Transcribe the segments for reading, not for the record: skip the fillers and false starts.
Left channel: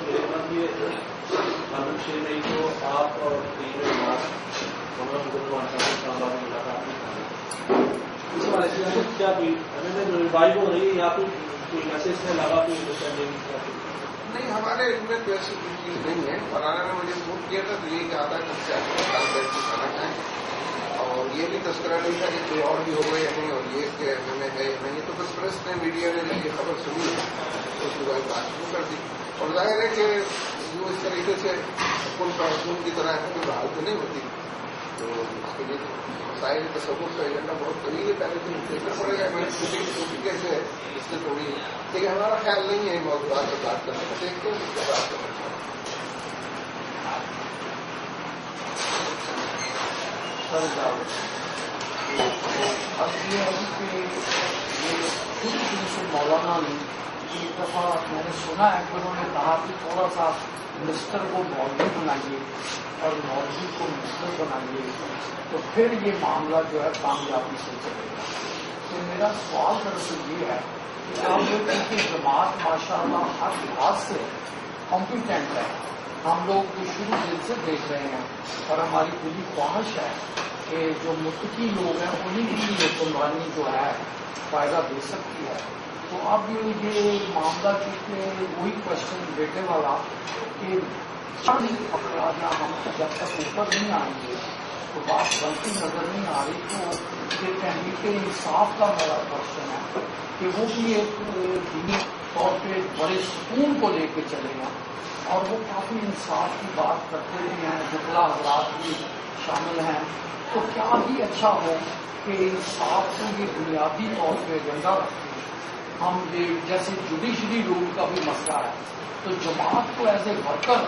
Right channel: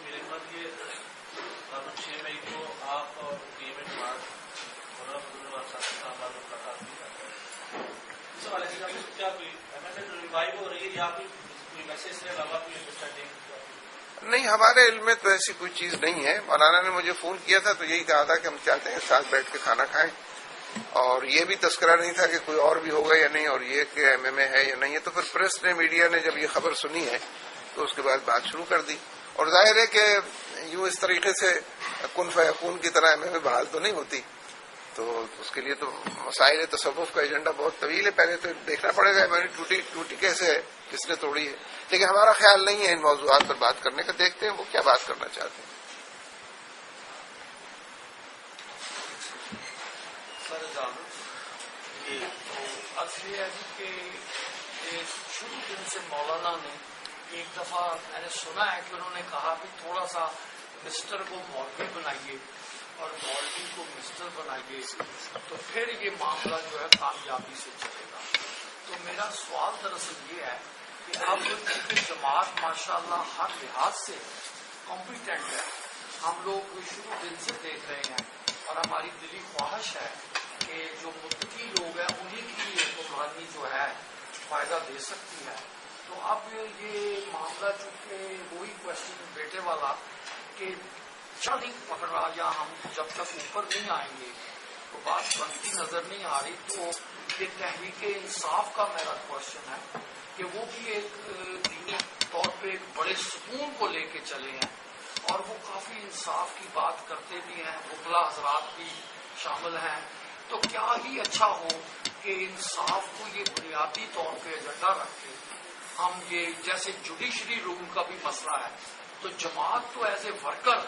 میرے ساتھ بھی قانون 6 مئی کو آپ اور ٹیم کیا کوئی ریوائو ہو رہی ہے یا کوئی میسج سے علاوہ کوئی انڈرسٹینڈنگ؟ نہیں، ہمارے علم میں تو ایسی کوئی چیز نہیں ہے. مولانا نے مجھے فون کیا تھا تو یہی کہا تھا کہ ہم چاہتے ہیں ساتھ بیٹھ کے کھانا کھائیں، اور یہ بھی تذکرہ نہیں تھا کہ کوئی اور بھی ہوگا یا نہیں، اور یہ کہ ایم اے ہے یا نہیں ہے. تو پھر پریس نے، میڈیا نے جب یہ خبر سنی ہے تو اس کے بعد بات شروع کر دی. اور ظاہر ہے کہ یوں اس طریقے سے کن فیکون کی طرح ایم اے بحال تو نہیں ہوتی. تو اس کے لیے تو مسائل تصوف کا ایجنڈا بہت طویل ہے، پہلے تو دیکھنا پڑے گا ہماری ٹوٹی کیسے ہے جس نے توڑی ہے. لیکن ہمارا خیال نہیں ہے ان موضوعات پر بات کرنے کا. دیکھتے ہیں وہ کیا بات کرنا چاہتے ہیں. مولانا نے ایک دفعہ میں نے سنا ہے کہ انہوں نے کہا کہ تھوڑا سا منسٹر کو مولوی بنائیے اور مولوی کو منسٹر بنائیے تو پھر یہ معاملہ جو ہے کامیابی سے چلے گا. تو میرا سوال دراصل یہ ہے کہ ہم لوگ کی جماعت ماشاء اللہ ہر لحاظ سے کمپیٹنٹ ہے. ہم لوگ کو شروع دل سے دیکھ رہے ہیں اور ہماری دلی خواہش ہے کہ جو متقی لوگ ہیں انہیں کی یہ قربانی جو ہے فائدہ دے سکتی ہے. تو اب یہ معاملہ چونکہ وہی کوشچن بیٹے والا کہ چند افراد ہم جب تک اوپر نہیں آئیں گے تو بات بنتی نظر نہیں آ رہی. تو یہ تحریک انصاف کا میرا کوشچن ہے کہ وہ بھی ایک دینی طور پہ بڑے سکون کو لے کے چلے ہیں اور وہ کافی انصاف کی بات کرتے بھی ہیں، جتلا حضرات بھی شامل ہیں. تو کیا ہی اچھا ہو کہ انصاف کو یہ بنیادی طور پہ ایجنڈا رکھتے ہیں. ہم یہ جیسے جوڈیشری رول کا بھی مسئلہ ہے تو جماعت کو as a worker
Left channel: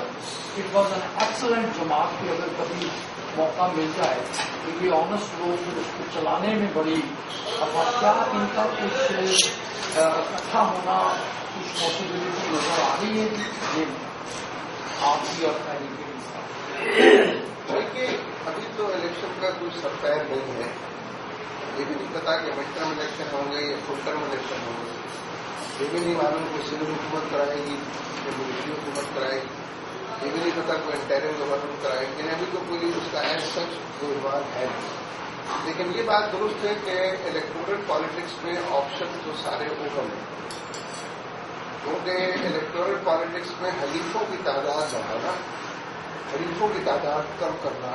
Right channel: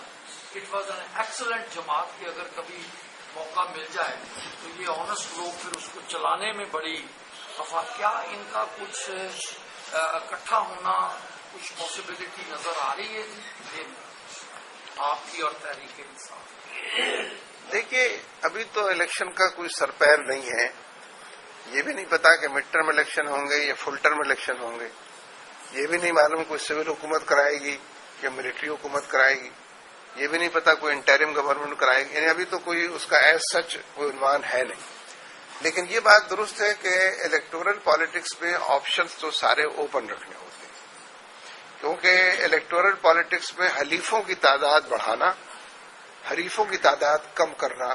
it was an excellent جماعت کی اگر کبھی موقع مل جائے تو یہ آنےسٹ لوگ پھر اس کو چلانے میں بڑی کیا ان کا کچھ اکٹھا ہونا کچھ پاسبلٹی نظر آ رہی ہے یہ آپ کی اور تحریک انصاف؟ دیکھیے ابھی تو الیکشن کا کوئی سرپیر نہیں ہے. یہ بھی نہیں پتا کہ مڈ ٹرم الیکشن ہوں گے یا فل ٹرم الیکشن ہوں گے. یہ بھی نہیں معلوم کوئی سول حکومت کرائے گی یا ملٹری حکومت کرائے گی. یہ بھی نہیں پتا کوئی انٹرم گورنمنٹ کرائے گی. یعنی ابھی تو کوئی اس کا ایز سچ کوئی عنوان ہے نہیں. لیکن یہ بات درست ہے کہ الیکٹورل پالیٹکس میں آپشن تو سارے اوپن رہے، کیونکہ الیکٹورل پالیٹکس میں حلیفوں کی تعداد بڑھانا، حریفوں کی تعداد کم کرنا،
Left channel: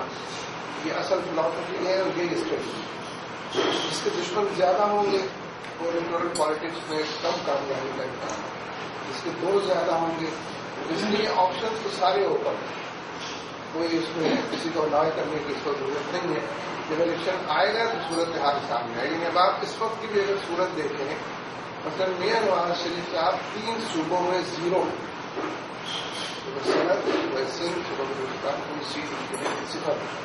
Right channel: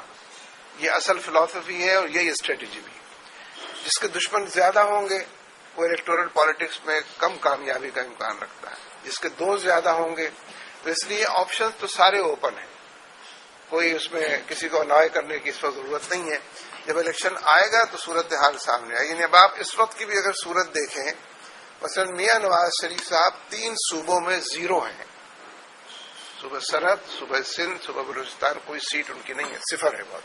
یہ اصل فلاسفی ہے اور یہی اسٹریٹجی ہے. جس کے دشمن زیادہ ہوں گے وہ الیکٹورل پالیٹکس میں کم کامیابی کا امکان رکھتا ہے. جس کے دوست زیادہ ہوں گے تو اس لیے آپشن تو سارے اوپن ہیں. کوئی اس میں کسی کو انوائے کرنے کی اس وقت ضرورت نہیں ہے. جب الیکشن آئے گا تو صورتحال سامنے آئے گی. اب آپ اس وقت کی بھی اگر صورت دیکھیں، مثلا میاں نواز شریف صاحب 3 صوبوں میں 0 ہیں. صوبہ سند، صوبہ سندھ، صوبہ بلوچستان کوئی سیٹ ان کی نہیں ہے، 0 ہے.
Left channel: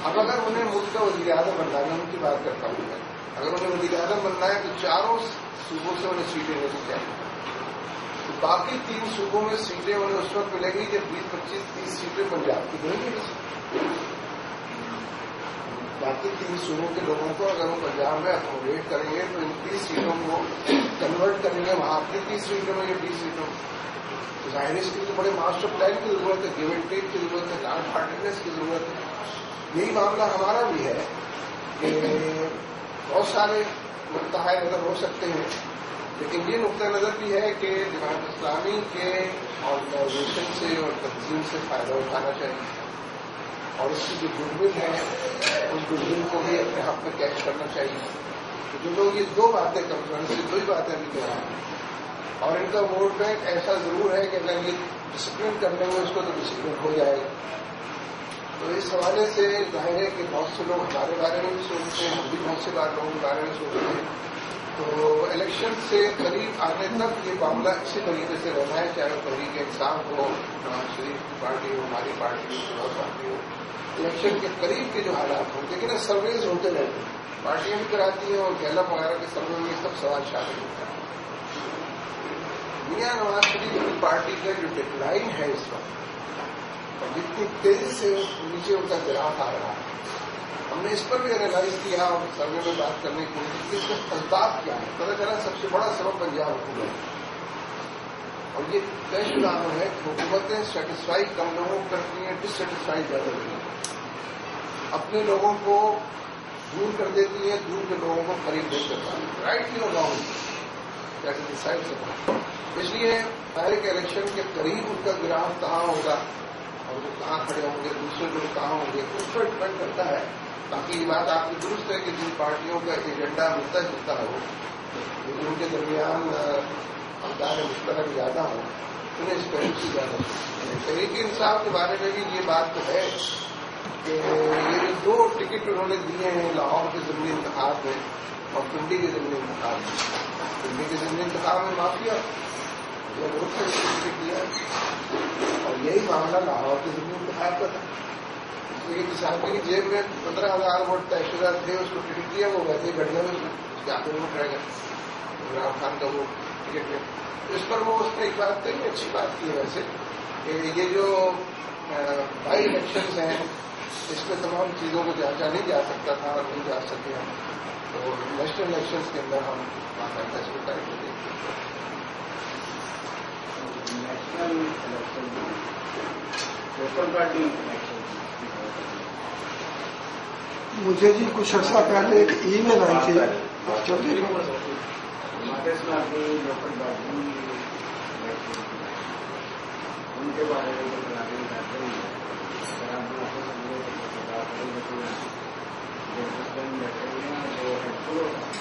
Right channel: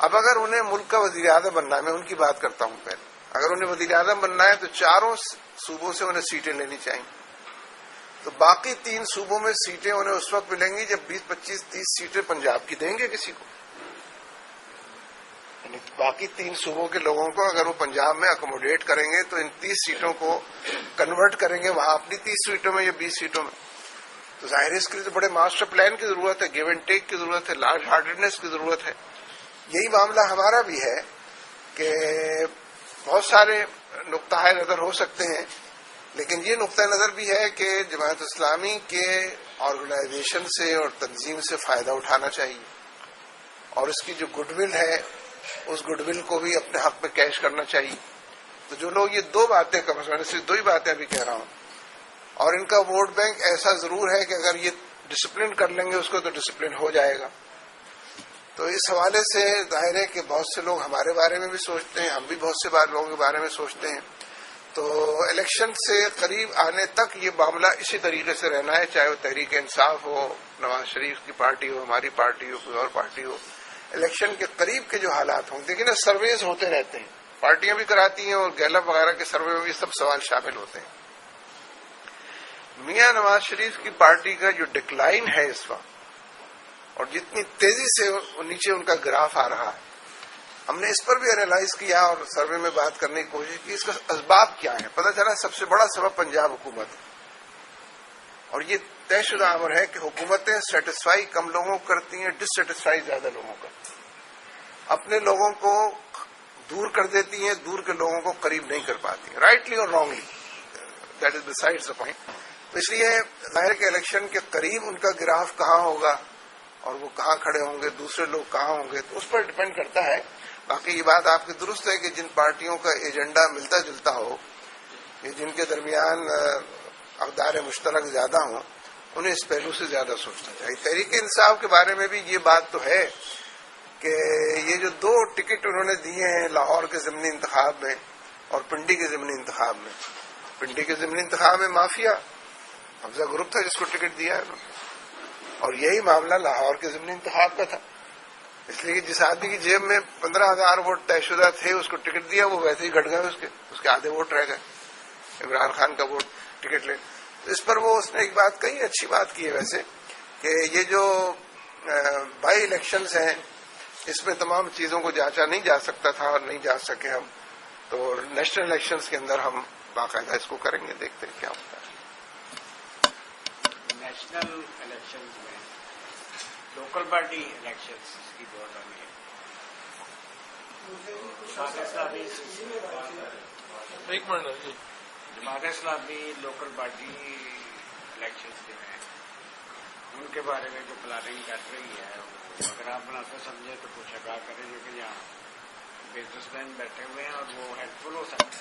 اب اگر انہیں ملک کا وزیر اعظم بننا ہے، میں ان کی بات کرتا ہوں، میں اگر انہیں وزیر اعظم بننا ہے تو 4 صوبوں سے انہیں سیٹیں لینی چاہیے. تو باقی 3 صوبوں میں سیٹیں انہیں اس وقت ملیں گی جب 20، 25، 30 سیٹیں پنجاب کی دیں گے کسی کو. باقی 3 صوبوں کے لوگوں کو اگر وہ پنجاب میں اکوموڈیٹ کریں گے تو ان 30 سیٹوں کو کنورٹ کریں گے وہاں اپنی 30 سیٹوں میں یا 20 سیٹوں میں. ظاہر ہے اس کے لیے تو بڑے ماسٹر پلان کی ضرورت ہے، گیو اینڈ ٹیک کی ضرورت ہے، لارج ہارٹیڈنیس کی ضرورت ہے. یہی معاملہ ہمارا بھی ہے کہ بہت سارے نقطہ نظر ہو سکتے ہیں، لیکن یہ نقطہ نظر بھی ہے کہ جماعت اسلامی کے آرگنائزیشن سے اور تنظیم سے فائدہ اٹھانا چاہیے اور اس کی جو گڈ ول ہے اس گڈ ول کو بھی اپنے حق میں کیش کرنا چاہیے. تو جو لوگ یہ 2 باتیں میں سے 2 ہی باتیں بھی کہہ رہا ہوں، اور ان کا ووٹ بینک ایسا ضرور ہے کہ اگر یہ ڈسپلن کر لیں گے اس کو تو ڈسپلن ہو جائے گا. تو اس حوالے سے ظاہر ہے کہ بہت سے لوگ ہمارے بارے میں بھی سوچتے ہیں، ہم بھی بہت سے لوگوں کے بارے میں سوچتے ہیں. تو الیکشن سے قریب آنے تک یہ معاملہ اسی طریقے سے رہنا ہے، چاہے وہ تحریک انصاف ہو، نواز شریف کی پارٹی ہو، ہماری پارٹی ہو، کوئی اور پارٹی ہو. الیکشن کے قریب کے جو حالات ہوں، لیکن سرویز ہوتے رہتے ہیں، پارٹیاں بھی کراتی ہیں اور گیلپ وغیرہ کے سروے میں بھی سب سوال شامل ہوتے ہیں. میاں نواز شریف کی پارٹی کا جو ڈکلائن ہے اس وقت اور جتنی تیزی سے نیچے ان کا گراف آ رہا ہے، ہم نے اس پر بھی انالائز کیا اور سروے میں بات کرنے کی کوشش کی اس کا اسباب کیا ہے. پتہ چلا سب سے بڑا سبب پنجاب حکومت ہے. اور یہ طے شدہ امر ہے کہ حکومتیں سیٹسفائی کم لوگوں کو کرتی ہیں, ڈسٹسفائی زیادہ لوگوں کو, اپنے لوگوں کو دور کر دیتی ہیں, دور کے لوگوں کو قریب نہیں کر پاتی, رائٹلی اور wrongly. That is besides the point. اس لیے ظاہر کے الیکشن کے قریب ان کا گراف کہاں ہوگا اور وہ کہاں کھڑے ہوں گے, دوسرے لوگ کہاں ہوں گے, اس پر ڈپینڈ کرتا ہے. باقی یہ بات آپ کی درست ہے کہ جن پارٹیوں کا ایجنڈا ملتا جلتا ہو, جن کے درمیان اقدار مشترک زیادہ ہوں, انہیں اس پہلو سے زیادہ سوچنا چاہیے. تحریک انصاف کے بارے میں بھی یہ بات تو ہے کہ یہ جو 2 ٹکٹ انہوں نے دیے ہیں لاہور کے ضمنی انتخاب میں اور پنڈی کے ضمنی انتخاب میں, پنڈی کے ضمنی انتخاب میں مافیا زمرد تھا جس کو ٹکٹ دیا, اور یہی معاملہ لاہور کے ضمنی انتخاب کا تھا. اس لیے جس آدمی کی جیب میں 15,000 ووٹ طے شدہ تھے اس کو ٹکٹ دیا, وہ ویسے ہی گھٹ گئے, اس کے آدھے ووٹ رہ گئے. عمران خان کا وہ ٹکٹ لے, اس پر وہ اس نے ایک بات کہی, اچھی بات کی ہے ویسے, کہ یہ جو بائی الیکشنز ہیں اس میں تمام چیزوں کو جانچا نہیں جا سکتا تھا اور نہیں جا سکے ہم, تو نیشنل الیکشنز کے اندر ہم باقاعدہ اس کو کریں گے, دیکھتے ہیں کیا. National election, local party election, مجھے جی کچھ عرصہ پہلے ایک ای میل آئی تھی, Congress party local party election ان کے بارے میں جو بلانے کی جانکاری ہے, اگر آپ بنا تو سمجھے تو کچھ اگر کریں گے تو یہاں بزنس مین بیٹھے ہوئے ہیں اور وہ ہیلپ فل ہو سکتے.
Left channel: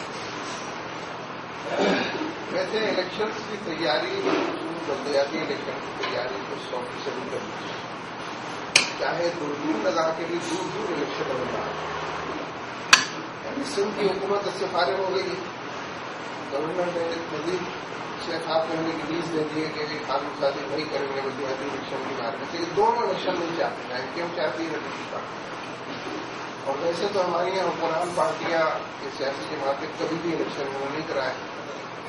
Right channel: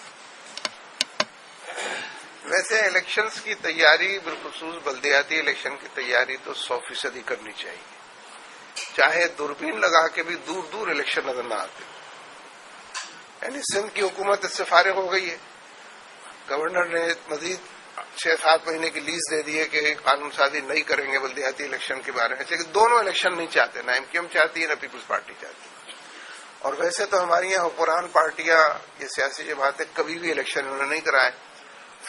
ویسے الیکشنز کی تیاری, بالخصوص بلدیاتی الیکشن کی تیاری تو 100% کرنی چاہیے, چاہے دوربین لگا کے بھی دور دور الیکشن نظر نہ آئے. یعنی سندھ کی حکومت اس سے فارغ ہو گئی ہے, گورنر نے مزید 6-7 مہینے کی لیز دے دی ہے کہ قانون سازی نہیں کریں گے بلدیاتی الیکشن کے بارے میں, لیکن دونوں الیکشن نہیں چاہتے, نہ ایم کیو ایم چاہتی ہے نہ پیپلز پارٹی چاہتی ہے. اور ویسے تو ہماری یہاں حکمران پارٹیاں, یہ سیاسی جماعتیں کبھی بھی الیکشن انہوں نے نہیں کرائے,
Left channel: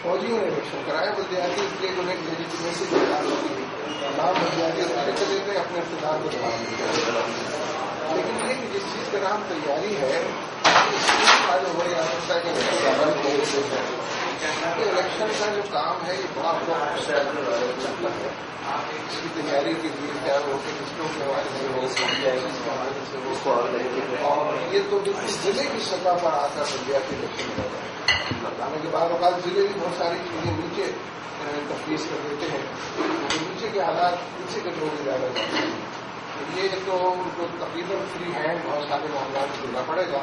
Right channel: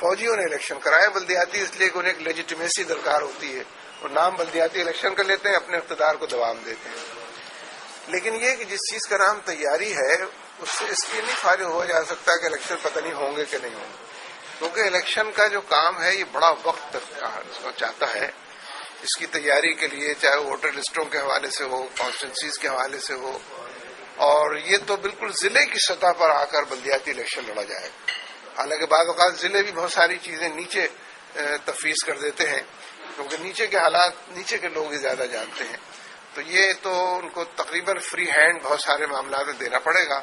فوجیوں نے الیکشن کرائے. بلدیاتی اس لیے کہ انہیں ایک لیجیٹیمیسی درکار ہوتی ہے, نام بلدیاتی الیکشن کر لیتے ہیں, اپنے اقتدار کو دوام دیتے ہیں. لیکن یہ کہ جس چیز کا نام تیاری ہے اس سے فارغ ہو جا سکتا ہے کہ الیکشن لڑنے ہوں گے کہ نہیں, کیونکہ الیکشن کا جو کام ہے یہ بڑا وقت چاہتا ہے. اس کی تیاری کے لیے چاہے ووٹر لسٹوں کے حوالے سے ہو, کانسٹیٹوئنسیز کے حوالے سے ہو, اور یہ تو بالکل ضلع کی سطح پر آ کر بلدیاتی الیکشن لڑا جائے گا. حالانکہ بعض اوقات ضلع بھی بہت ساری چیزیں نیچے تفویض کر دیتے ہیں, کیونکہ نیچے کے حالات نیچے کے لوگ زیادہ جانتے ہیں, تو یہ تو ان کو تقریباً فری ہینڈ بہت سارے معاملات میں دینا پڑے گا.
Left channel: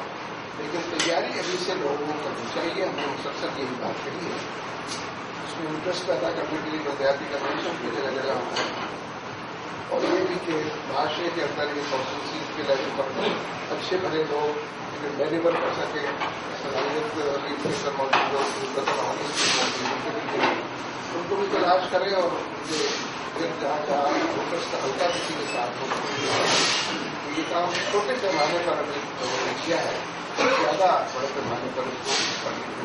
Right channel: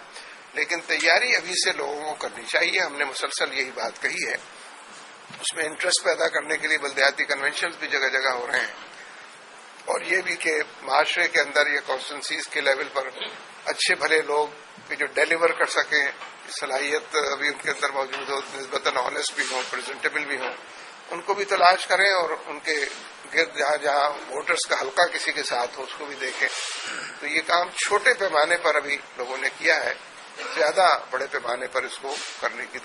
لیکن تیاری ابھی سے لوگوں کو کرنی چاہیے, ہم نے مسلسل یہی بات کہی ہے. اس میں انٹرسٹ پیدا کرنے کے لیے بلدیاتی کنونشن بھی جگہ جگہ ہو رہے ہیں, اور یہ بھی کہ معاشرے کے اندر یہ کانسٹیٹوئنسیز کے لیول پر اچھے بھلے لوگ بھی جو ڈیلیور کر سکیں, صلاحیت ابھی ان کے اندر موجود ہو, نسبتاً آنیسٹ بھی ہو, پریزنٹیبل بھی ہو, ان کو بھی تلاش کریں اور ان کے گرد جہاں جہاں ووٹرس کا حلقہ کسی کے ساتھ ہو تو بھی دیکھیں. تو یہ کام چھوٹے پیمانے پر ابھی لوگوں نے کیا ہے, زیادہ بڑے پیمانے پر اس کو کرنے کی